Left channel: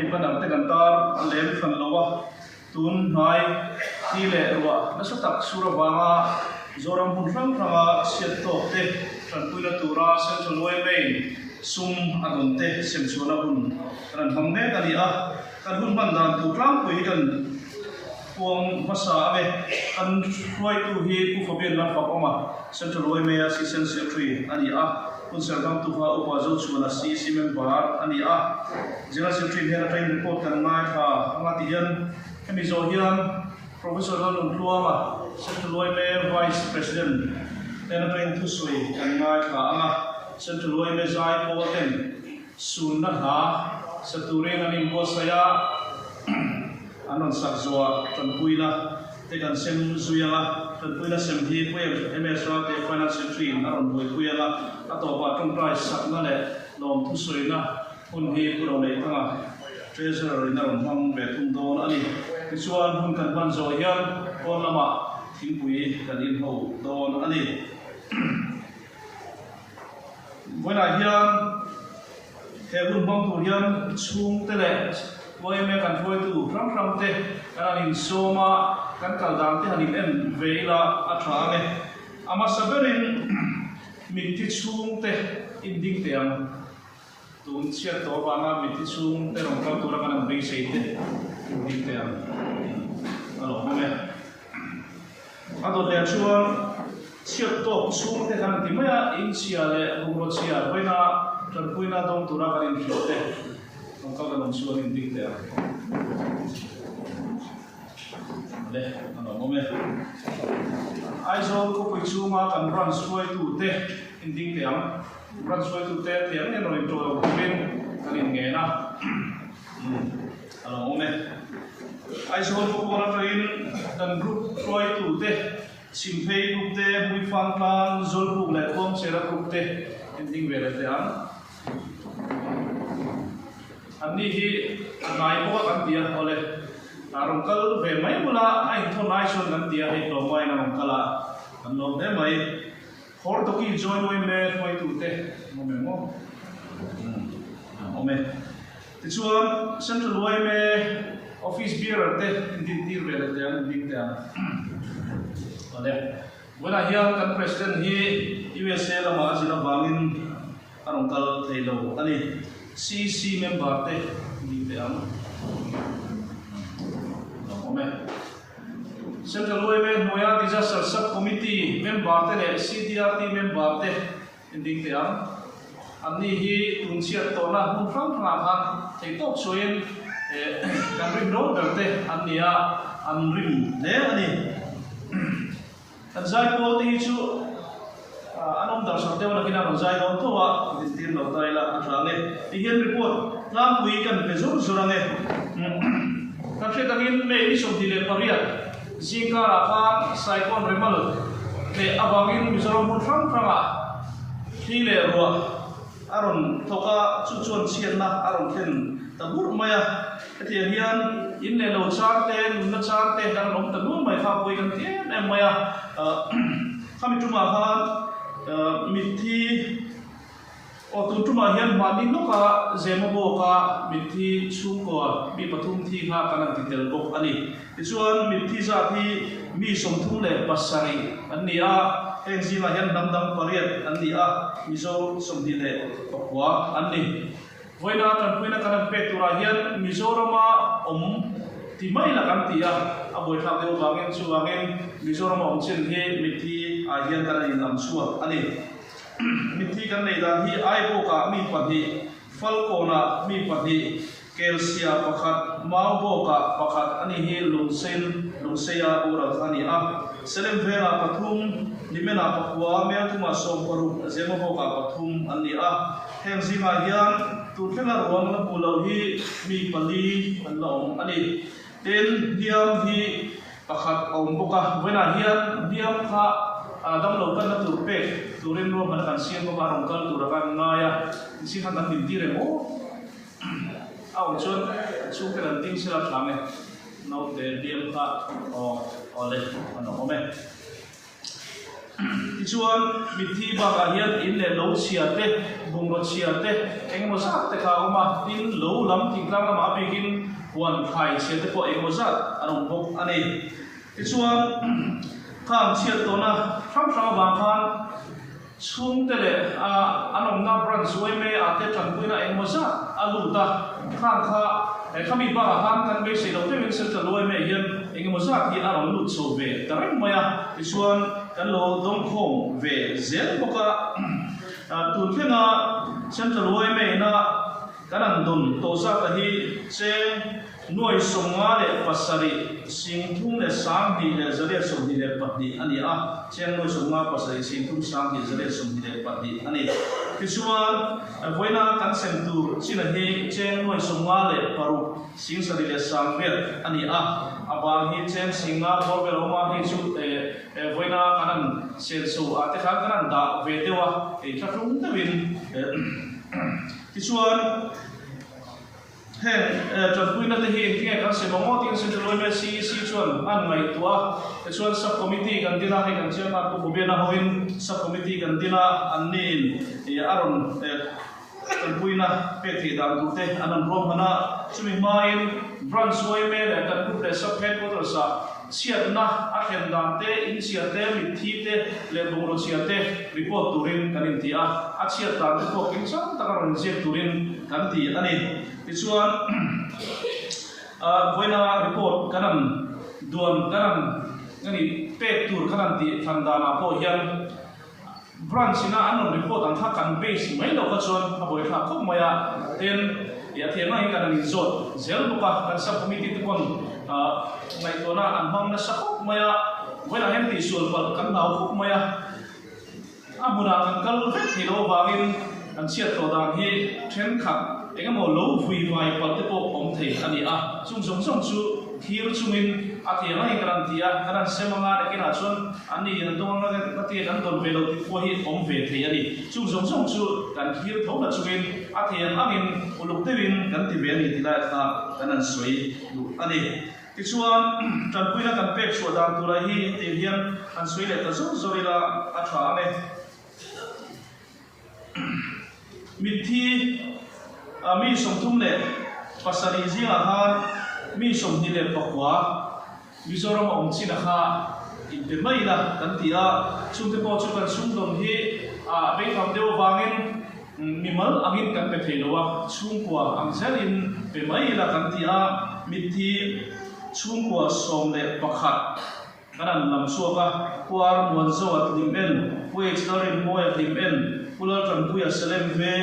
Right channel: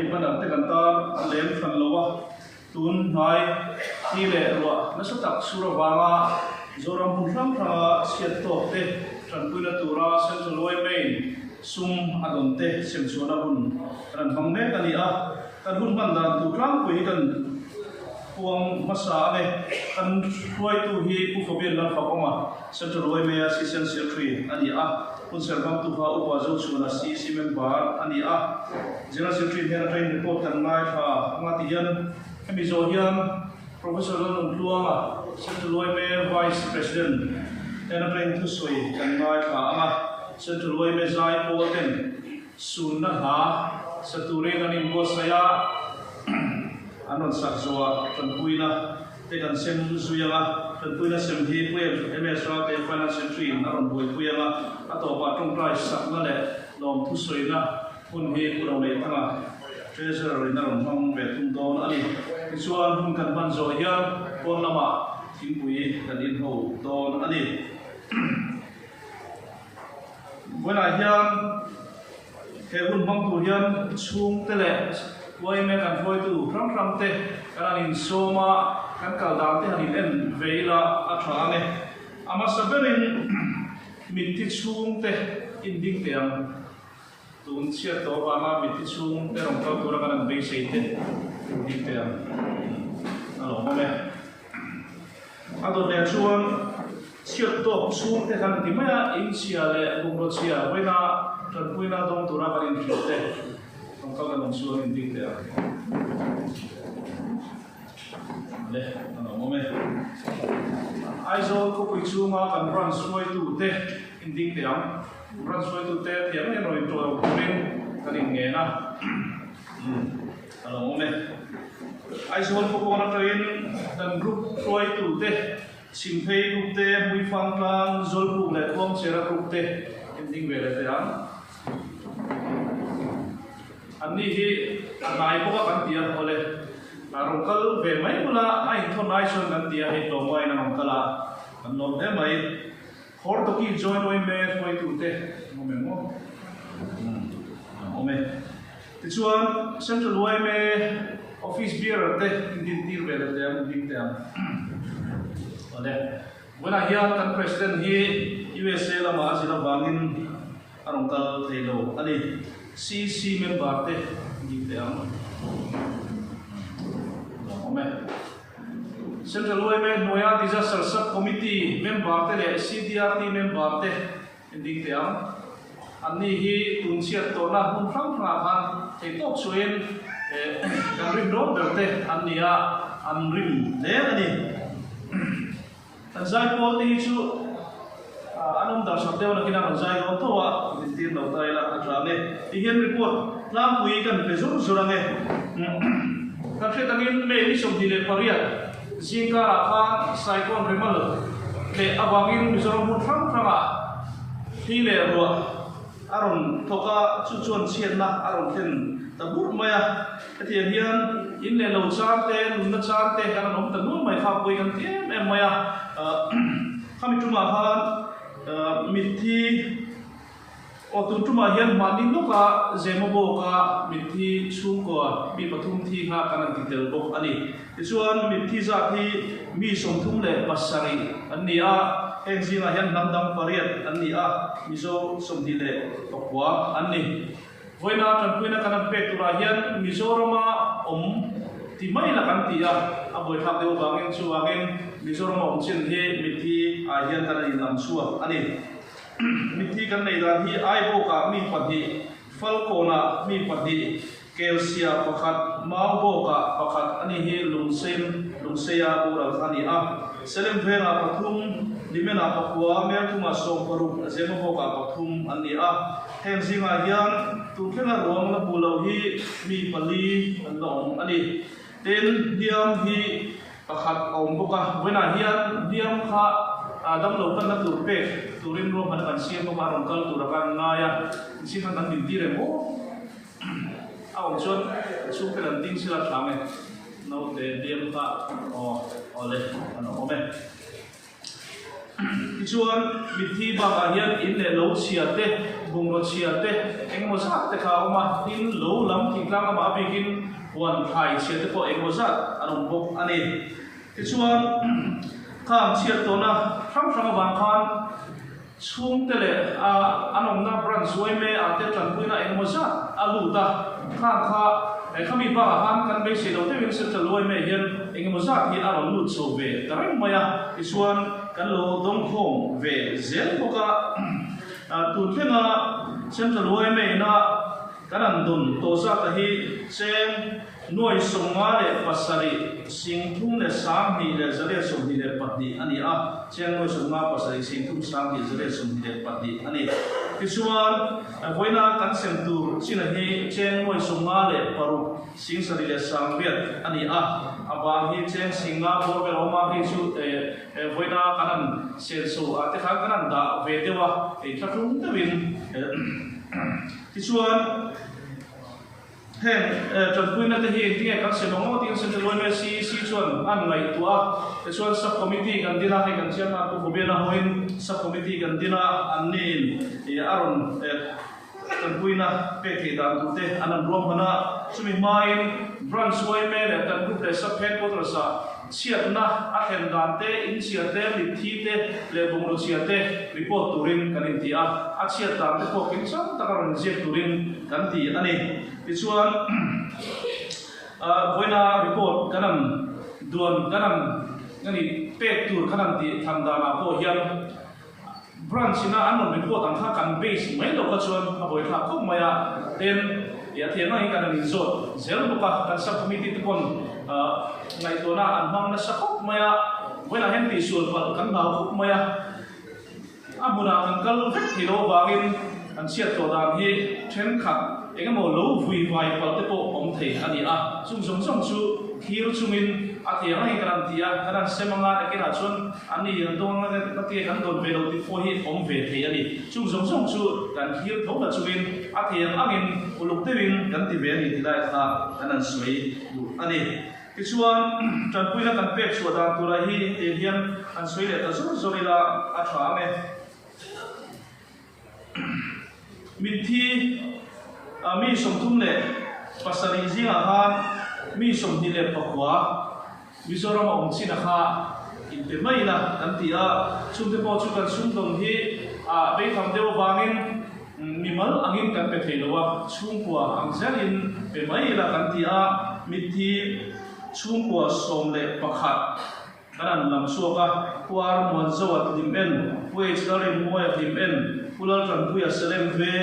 hei panang te kan tar len fan lowa tun hai hi le ruwa na sa tak sura wanga zoram pumram pranga siat to te tran puila tura central loi main sum adon te sem chona hun ran hamne kani a kan hun ban dan tu tram pui kan puang masa ame kan huai tu hi pu fobian lan fakoma central loi me assistant secretary ani a kun servam tu ha upa zo chuna si simen bar ani a general secretary hena train report kan nai tha ngati hian hemi zo hian professor lon luanga central loi me vice president hena train thu soi kan nai tha anga central loi me zai poten sun na ha sature na nim bo saya anon sakzoa tanpuina te kan sem zuyala tanpuina sem hi puem ms ra te financial stream aron boi puela atopa tongtrai sakna le lom thu soina hun hi pulo nei anga treasurer na ron hang be tum don ani chuan hun kan ban zo hian kon lama thingpui kan in ho don ani bona hian he hun bang tu hian chung te le voi me kan voi tu ram te kan in soma kan kal dam te hanin en veila a thane ama saberin min ti chung te in ding te am tun chia to ba ma min ti chung te rong ka tu ra kan be sei te in ding te am alo me ado le chuan chia to chung te kan ti ma in chia le bungro chia voina tran puina dong tu ra kan in te không có cái suy nghĩ đi theo đấy nó mồm ấy ai rồi có quỹ số mà cần run xuôi tu te in đi theo run xuôi tu te thì anh nói rồi bên cái gì nghe na nó mồm ấy ai rồi có con nào in cần group xuôi tu te xin phê group te muy phang plan zol group lại không sẽ ra group te in đi về lại thế anh anh đi hi nai boka kan tia ole larung kal ve mai mula ai thon nai sun kan tia hi to mai na mam kala an lom de mai hor to ki join oi me foi tu te mo me mo ome ti chuan central loi me office bearer te din tir ve te an din te an ole wala hian kan president hi USA la ma jila wangin anong kal thelo ani CC member te di te am central loi me noya disaster sub committee member te le CDRT member te di te am anni hi tunsia to na hun phang phang han te tok suin kan rim ro te annia an rim le ani an zai pol ti chu anom dar sa tewa na kinang zai don to wa din tin lo tai la atrange tihen report lam pui kan pe zur zurange ka khetangin me ni som dile pariat zinga ra kha cyclone remal le awangin mizoram mun phang phanga hi le ro aron thoka chu chuan chian na aron then tabur maya ti hian in le lo char te nun na char te kan nom tanu mai kha pui kan ti ne maya khami tuma ha mithi otutuma hian mani no ka zemobo ka mithi chungko mi pathum thi kha kana titel bok ani chuan mithi za thi mi somthum le pasari ania engzima hian namdam pariat ania mizo somdi le tokwa ani voina tan puina kana pektura hian mizorama timai la kan tia aboi thak deu bangin chu angin mizorama chen he mithi a hian kana in lam chua ani mithi kan nei dan hi ai bo ka mi padi falcona mi padi kelsia pakhat mau bo ka pakhat ani hi lungseya ura ani a selem vera pathum limena pakwa me kuma som paru zemo bo ka pathum ani a hem zinga hian tu thela rom na bulo hi mi pali anlong ani ten diam hi pakhat om boka wena hian diam kha adam lo kan na tur pe turin ro man kan siam ba rom kal tur kan ngaya si kan dan din dire mo aw chon chu kan ting sila tlange no te diam ka o ole ano ome chuan mi thi bang hian in le lo chia te bung ro chia te engemaw zat te kha awma tin lo lam thing tlang ama bikin huan thai chia te pawh engemaw zat an awm bawk ani tichuan khang chiat tawna hrang hrang awang khan chung te le an awmna branch zuai me ate tlanpuina engemaw zat a luta khang kha khami ba han kan be sei lo te win se tluai me hian engemaw zat hi an awm lut so ve tarang maya tichuan kan lo dong khom ve zel boka tun khenga central way me na kanan dun to za ta hi cheng noi songa le pasari singthum le sang ni le zale som ni le patni ani a cheng noi songa pasari singthum sang ni zale som ni le patni ani kisuan voina kan sem tu china hi cheng noi songa le paru sing sari le sang bet ani a abang hi cheng singa bor be roma hi chu voina kanan sel so ate kha kanan da ve dewa e thaklung te win kisuan heng tlanpuina te hi tingai kan semango ting se loi me si chuan an ngai tua kisuan sub committee kan dina hai kan chairman ko bobena hoin sub committee kan dina an nin aron tlanpuina pe thi dan tu te anan rom mana chumi main branch way me le kan group le sub headquarters sa siat na a khen dan te in siat te mi thi te le bung ro siat te report turin kan in ti a siat dan te ko kin chang ta karon siat turin kan ti ani tichuan voina report kanam duan kanam ngani pe tur kanam ti thandana po hian branch ina anon report ang tha kan base mai lo ka chuan a boi tha khop maya ten ya thema hi kan in zot zel buka kan sub committee ti kon ngai to na an mang na sa khop maya voina hen ti sul pal kan nau khop maya amuna kan kal vet thi lo bangin an siat to dan hi then khat engemaw lo vui vai pal te pawh awm thei ani a chung chu thir chungin a thianga hi kan tia kan semanga te kina chuan ani an dong na te kan don ve lo ti pawh hi awm ve thei ani chung chu kan thir thawna chungin a thiang angin uluk tewin kan ti ve ni tilai kha kan an soi lu ani tichuan tlanpuina kan pek chu dan tura hi te hian an soi le ta zorila a tha ane min thi mi som thum le pasari zinga han mi som ni le pakwa mizoram om china kha in pe mai la kan ti a chung te po chu kan sum dong hi be tham deu wangin mimal angin kan pe theilowa chung kwa ang zelin pe mai la kan ti a mithi chung kwa som le pakhat kanan lam suaka kwar mon zawat limen we chdarin moya limen pulal tran puya selem ve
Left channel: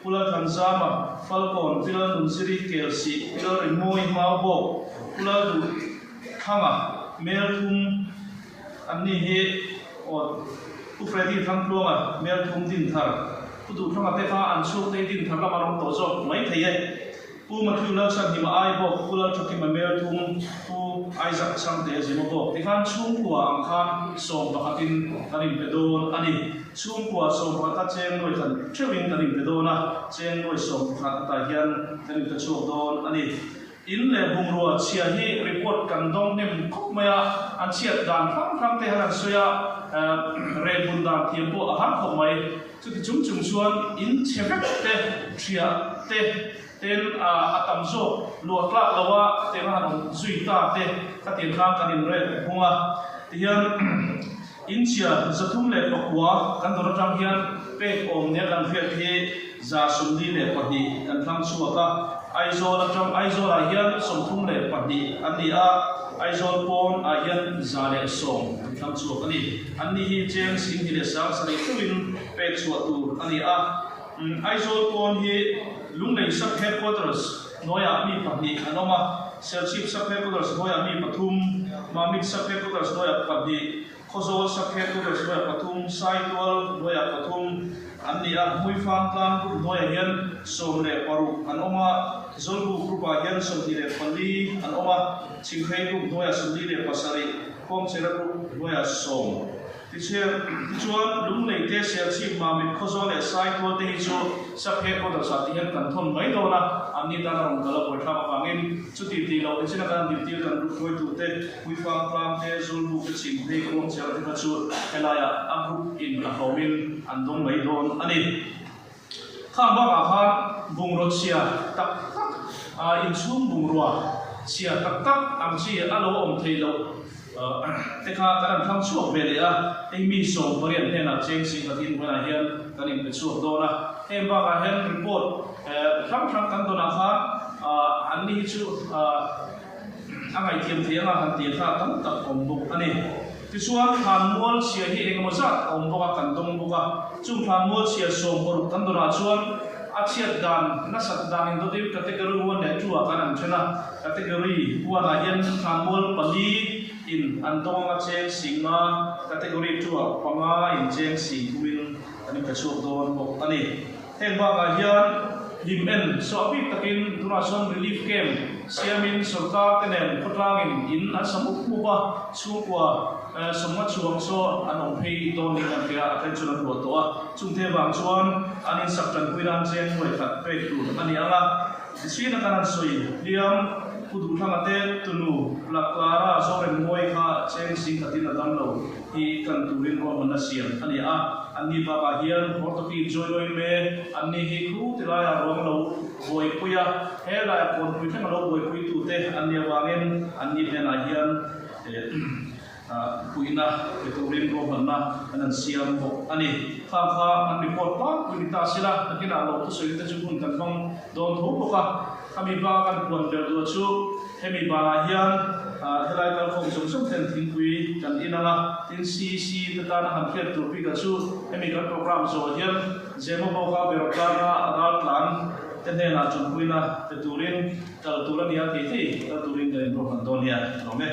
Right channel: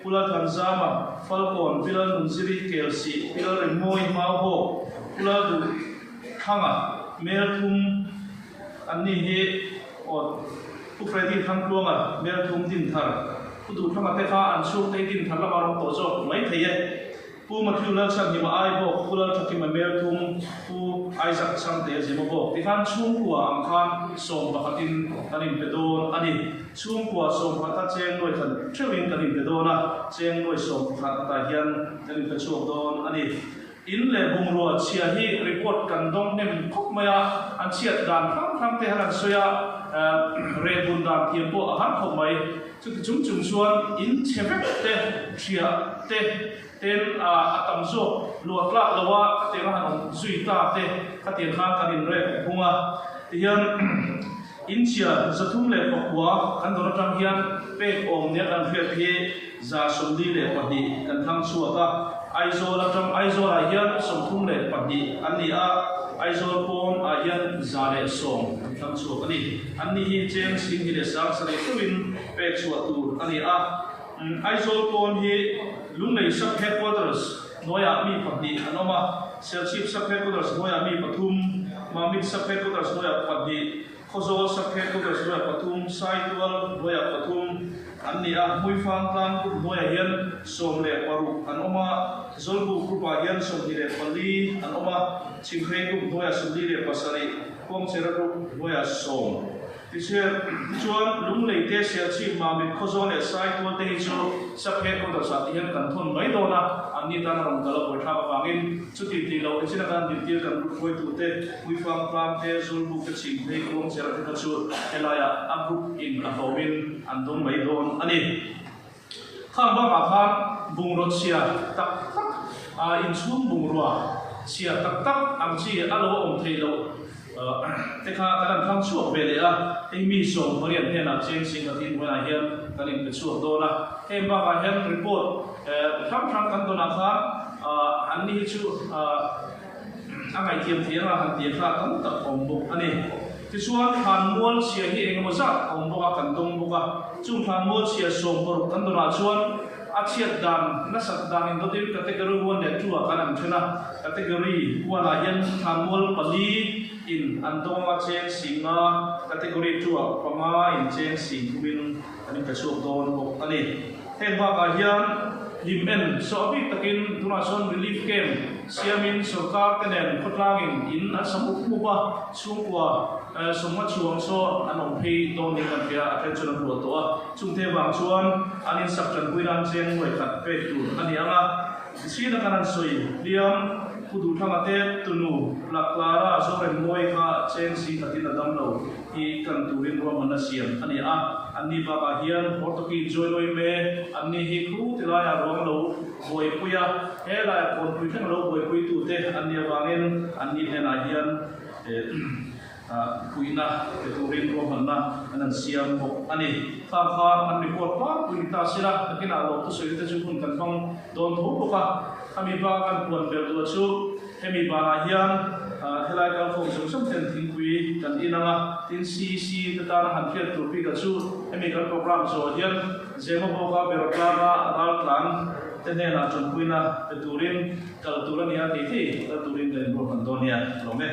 pula Tanzama, Falcon, Pila Nunsiri, Kelsey, Pila Rimoi, Mabo, Pula Kanga, Meltum, Anihi, or Ufredi Tanklunga, Meltum Dintar, Pudu Kanga Tefa, and Sur Taking Talamarong Tozo, Maite, Pu Matula Sanima Aibo, Pula Chokima Meltum, Pu Isaac Sante Zimobo, Ivan Chungua, Angkan, Som Bakatin, Karim Pedon, Ani. Chung kwa som kha chen noi kan trewin kan in pedona chen noi som kha ta hian kan in chuak don ani in le bung ro chia hi report kan dong nem khop maya an chiat dan phang te haran soya re bun dan thiam po a han khop mai chu ti chung chuan in chepek te chia te ten atam zo lo tla lawa te ma han zui ta te ka tin kha kan in re bunga hian India zathum le pakwa kan dor tang hian pek om ne kan fet hi za sumdi le pahni kan thang chuaka aizol atang aizol a hian somthum le pahni ani a aizol pom a hian za le som kan thang chuak ani ani hi cheng sing hi le sang sari tuin pek chuatu ani a aizol pom hi lungnei sub headquarters noya mi pahni anoma selship sub headquarters noya mi pathum mamit sub headquarters noya pahni Khozol sakhe ku beswa pathum saitwal boya pathum annia muifang tang ku boya hian somle paru anoma zolbu ku ba hian somhile pali anoma chingkhei ku boya somli le pasari kom chera ku boya som chuan lung lei te sial chi ma mit khozo le sai to te chu saphe ko da sa ti hen kan thon mai do na anni ta na rong kala boi tha ba wangin chuti ti lo isina kan ti ti kan koi tu te wi fang te zul bu ke ching te ko chel te ka chu elaya am hu in a howin an dong mai don ani khang ba ka khan bung ro sia tak tak a in chum bung ruwa sia tak tak ang chi alo om thei lo te kha kan thang chuak ve le a ei mi so marian he na cheng sing ka tin hona hian kan in pe chuak do na em ba ka hian report thang kan do na kha an ni chu angai tiam thiang a kan ti kha tam tak om buk ani ti chuan khan mual sia hi engemaw zat om boka kan dong boka chung khan mual sia som por kan do na chuan achiat dan na sat dan do ti category 1 le 2 kan an thena category 1 a hian khan mual pali in andong a cheng singa category 2 panga in cheng sing kumin ani ka chuak don bo ani heng ba ka hian lim en so bi takin donation relief camp siamin sarkar tenen khotlangin in asamuk muba chungwa somma chuang so anong phei don ni kan pia attention ro to a chungte bang chuan anin saktan puiran cheng noi khat pe tu ani anga sina kanan soi liam kudu thamate tunu laklara so ren moi kha cheng sing atin adam lo hi kan turin ro man siam ani a anni ba ka hian hortoki joinoi me anni hi khu tila ya rom lo boi puya hela kon pui thang lo boi pui tu te anni wangin anni hena hian puina turin ro man na anan siam bo ani kha an report pa puita sila takina lo to soi te chu kun kan phong don tho ko ka ami ba kan puan vel do chu hemi ba hian helai kal phong som som ten thing kui kan inanga tin cc ta tan han fiat tur pi ka chu hemi kan program so hian zemo bo ka berotama adal plan tene na chon kuina turin kal turan ya ti ti turin den ro kan don ya lo me